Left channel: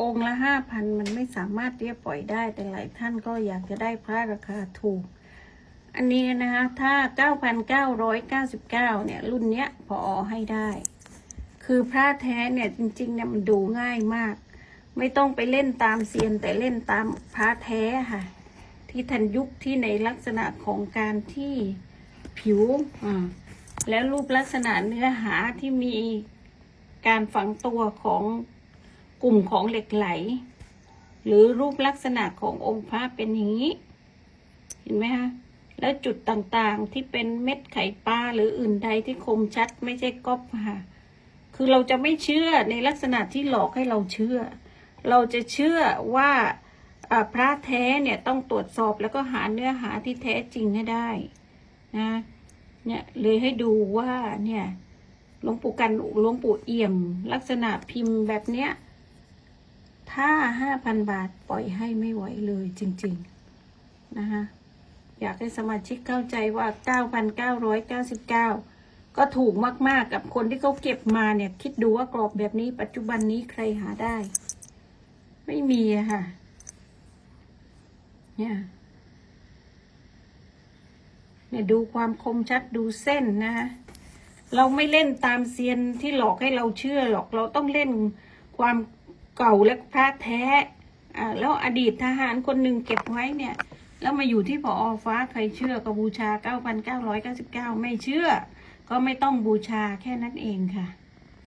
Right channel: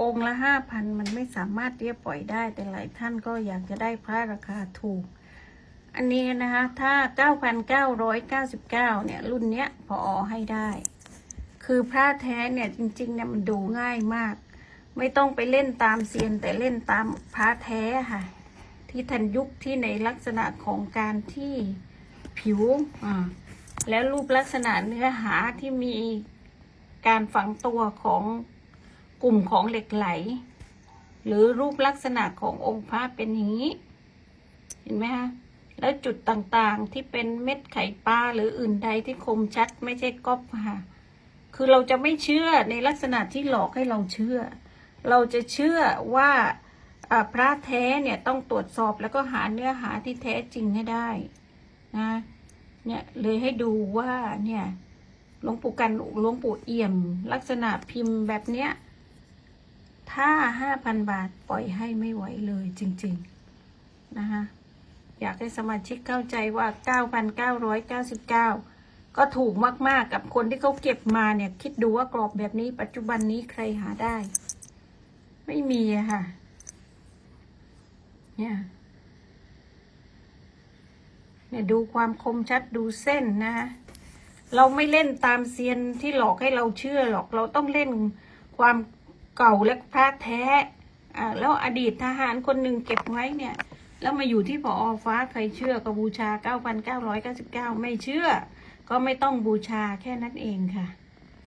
องค์ละห้าพันมันไม่สามารถที่จะปล่อยได้ แต่หลายท่านก็อยากจะได้พระราคาถูก อันนี้นะคะถ้า 9,999 เนี่ย รุ่นเนี้ยพอให้ได้ คือพระแท้เนี่ยจริงๆเนี่ยมันดูง่ายมาก ไม่ต้องไปเล่นตามเซียนแต่เล่นตามพระแท้ค่ะ ที่ทันยุคที่ในลักษณะของการที่ผิวอ่าแล้วรูปลักษณะเนื้อหาที่มีการฝังตัวของ กลุ่มของเหล็กไหล หรือรูปลักษณะขององค์พระเป็นอย่างนี้ เห็นไหมคะแล้วจุดต่างๆที่เป็นเม็ดไข่ปลาหรืออื่นใดที่คมชัดไม่ใช่ก๊อปค่ะคือเราจะไม่เชื่อในลักษณะที่หลอกให้เราเชื่อ เราจะเชื่อว่าอ่าพระแท้เนี่ยต้องตรวจสอบแล้วก็หาเนื้อหาที่แท้จริงให้ได้นะเนี่ยเลยให้ดูว่าเนี่ยหลวงปู่กันหลวงปู่เอี่ยม ลักษณะพิมพ์แบบเนี้ย ถ้าห้าพันบาทปล่อยให้ไม่ไหวเลยจริง ๆ นะคะอยากให้สมาชิกเข้าใจว่า 9,999 ก็ถูกมากๆกับคนที่เขาเก็บมาเนี่ย คิดดูว่ากรอบแบบนี้ปัจจุบันนี้ใครหาได้ ไม่มีค่ะ เนี่ย เนี่ยดูความคมชัดดูเส้นนะคะเราไม่เล่นตามเซียนที่หลอกให้เราเชื่อหรอก เราต้องเล่นความ เก่าและพระแท้อ่าแล้วอดีตทหารคนหนึ่งเก็บไว้เนี่ย แล้วมาอยู่ที่ปอฟ้าใครเชื่อก็บูชา 9,999 ไม่เชื่อ ก็ไม่ต้องบูชาแค่นั้นเองค่ะ